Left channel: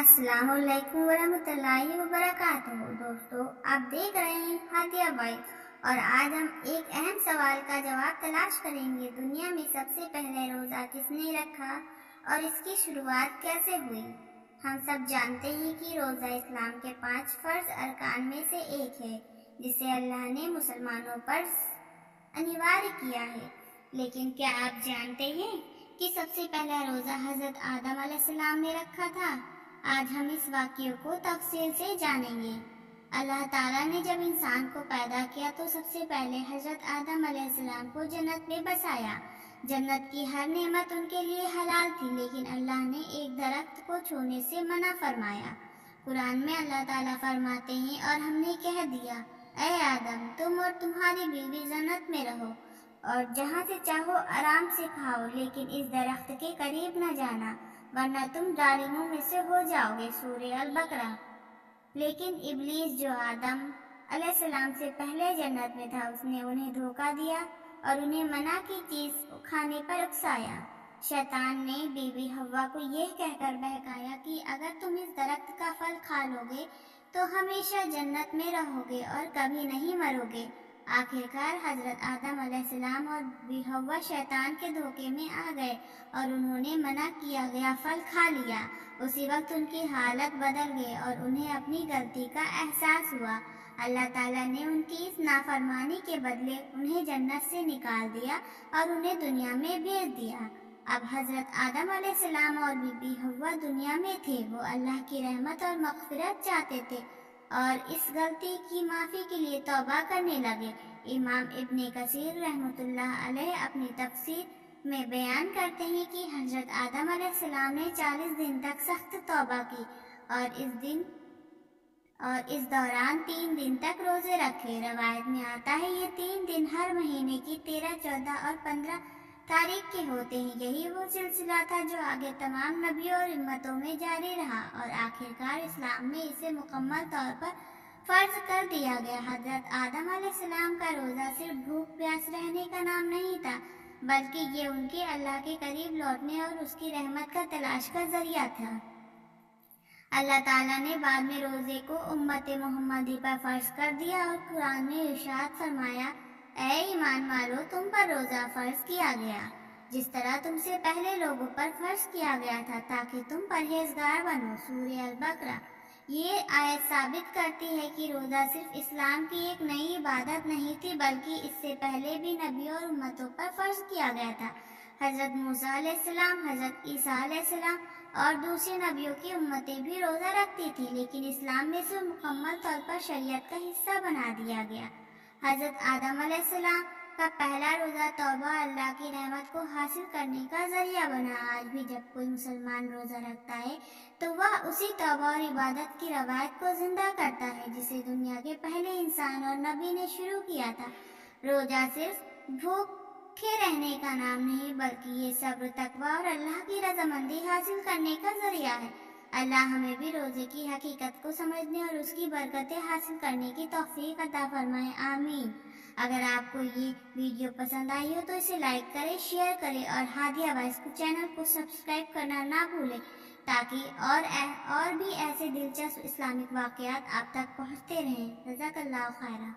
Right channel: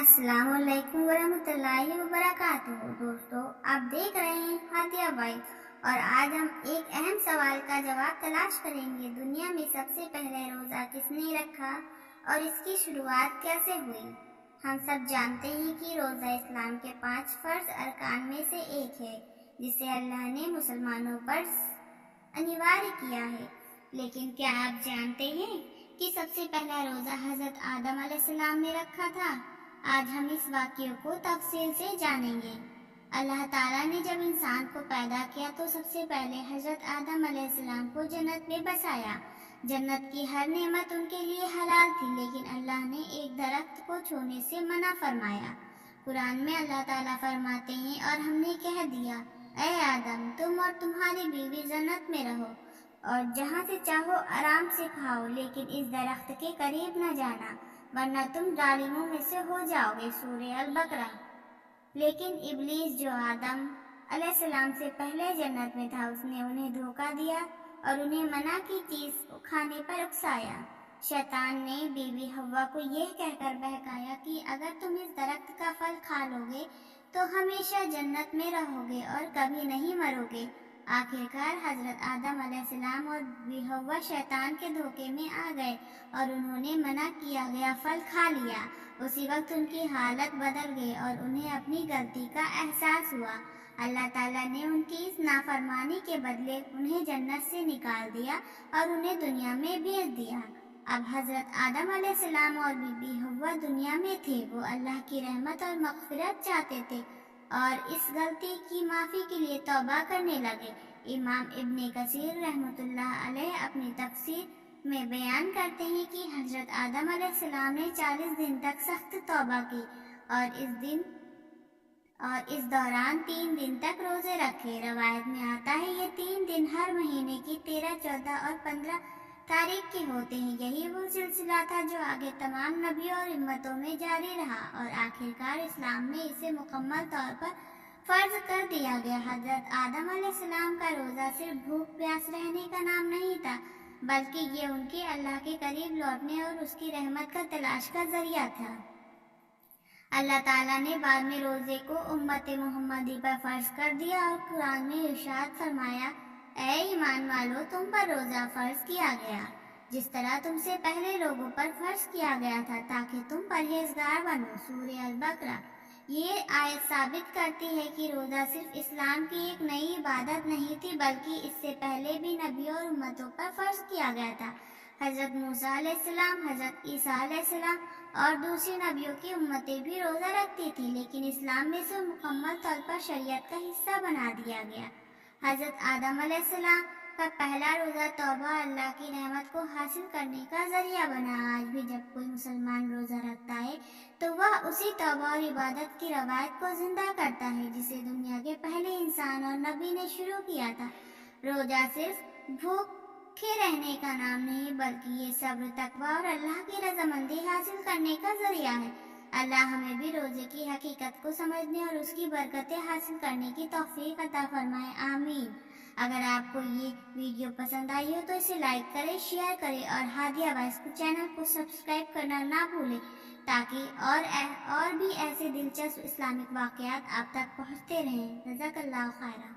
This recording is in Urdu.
السلام علیکم ورحمۃ اللہ وبرکاتہ۔ دوستو، آپ دیکھ رہے ہیں ہادیہ وائس، اور آج ہم ایک اہم سوال کا جواب تلاش کریں گے۔ دنیا میں سب سے پہلے روزہ کس نے رکھا اور اس کی شروعات کیسے ہوئی؟ ہم سب جانتے ہیں کہ روزہ اسلام کے 5 فرض ارکان میں سے ایک ہے، جسے اللہ نے مسلمانوں پر انوار کیا ہے۔ لیکن کیا آپ جانتے ہیں کہ سب سے پہلا روزہ حضرت آدم علیہ السلام نے رکھا تھا؟ آج ہم اس واقعے کو تفصیل سے جانیں گے۔ اللہ تعالیٰ نے جب انسان کو پیدا کیا تو سب سے پہلے حضرت آدم علیہ السلام کو جنت میں بسایا۔ جنت کی ہر نعمت ان کے لیے حلال تھی، لیکن اللہ نے ایک درخت کو چھونے سے منع فرمایا۔ قرآن میں اللہ تعالیٰ فرماتے ہیں، اور ہم نے کہہ دیا، اے آدم، تم اور تمہاری بیوی جنت میں رہو اور جہاں سے چاہو آرام سے کھاؤ، لیکن اس درخت کے قریب نہ جانا، ورنہ تم ظالموں میں سے ہو جاؤ گے۔ سورہ البقرہ۔ لیکن ابلیس، جو آدم علیہ السلام سے پہلے جنت میں تھا، اس نے انہیں دھوکہ دیا اور انہیں منع کی چیز کھانے پر اکسایا۔ شیطان نے بیوی حوا کو یہ کہہ کر بہکایا کہ اگر تم اس درخت کا پھل کھا لو گے تو ہمیشہ جنت میں رہو گے اور کبھی نہیں مرو گے۔ آخرکار حضرت آدم علیہ السلام اور بیوی حوا شیطان کے دھوکے میں آ گئے اور انہوں نے منع کیا گیا پھل کھا لیا۔ اسی وقت ان کی حالت بدل گئی اور انہیں اپنی غلطی کا احساس ہوا۔ اللہ تعالیٰ نے ان کی اس نافرمانی کے بدلے انہیں جنت سے نکال دیا اور انہیں دنیا میں بھیج دیا۔ اب حضرت آدم علیہ السلام اور بی بی حوا دنیا میں تھے۔ وہ اللہ کی رحمت اور مغفرت چاہتے تھے اور اس غلطی کی معافی کے لیے توبہ کرنے لگے۔ امام ابن کثیر رحمۃ اللہ علیہ اپنی تفسیر میں بیان کرتے ہیں کہ حضرت آدم علیہ السلام نے 40 دن تک سخت توبہ کی اور اس دوران 3 دن تک روزے رکھے۔ روایت میں آتا ہے یہ 3 دن ہر مہینے کی 13، 14 اور 15 تاریخ کے ہوتے ہیں۔ یہی وہ سلسلہ تھا جو آگے تمام نبیوں اور امتوں میں جاری رہا اور آخرکار اسلام میں اسے مکمل طور پر فرض کر دیا گیا۔ حضرت آدم علیہ السلام کا روزہ صرف بھوک پیاس رہنے کا نام نہیں تھا، بلکہ یہ ان کے اللہ کے قریب لوٹنے اور اس کی رحمت کا تلاش کا ذریعہ تھا۔ اللہ تعالیٰ نے بعد میں روزے کو امت محمدی پر فرض کر دیا اور قرآن میں ارشاد فرمایا، اے ایمان والو، تم پر روزہ فرض کیا گیا جس طرح تم سے پہلے لوگوں پر فرض کیا گیا تھا، تاکہ تم پرہیزگار بنو۔ سورہ البقرہ۔ یہ آیت ثابت کرتی ہے کہ روزہ صرف اسلام کی ایک نئی عبادت نہیں تھی، بلکہ اس سے پہلے بھی نبیوں اور امتوں پر فرض کیا گیا تھا۔ حضرت موسیٰ علیہ السلام، حضرت عیسیٰ علیہ السلام اور دوسری نبیوں کی امتیں بھی روزہ رکھتی تھی، لیکن اسلام میں اسے مکمل طور پر شریعت کا حصہ بنا دیا گیا۔ حضرت آدم علیہ السلام کا پہلا روزہ توبہ اور اللہ کی رحمت کو حاصل کرنے کا ذریعہ بنا۔ آج بھی جب کوئی مسلمان روزہ رکھتا ہے تو وہ اسی توبہ اور عبادت کی روایت کو زندہ کرتا ہے جسے دنیا کے پہلے انسان اور نبی نے شروع کیا تھا۔ روزہ صرف بھوکے رہنے کا نام نہیں، بلکہ یہ صبر، تقویٰ اور اللہ کی رضامندی حاصل کرنے کا ذریعہ ہے۔ اللہ ہمیں بھی روزے کی حقیقت کو سمجھنے اور اس کی برکتیں حاصل کرنے کی توفیق عطا فرمائے، آمین۔ اگر آپ کو یہ ویڈیو پسند آئی ہو تو اسے لائک کریں، شیئر کریں اور ہادیہ وائس کو چینل کو سبسکرائب کرنا نہ بھولیں، تاکہ اور بھی ایسے دلچسپ اسلامک واقعات آپ تک پہنچتے رہیں۔ جزاک اللہ خیرہ۔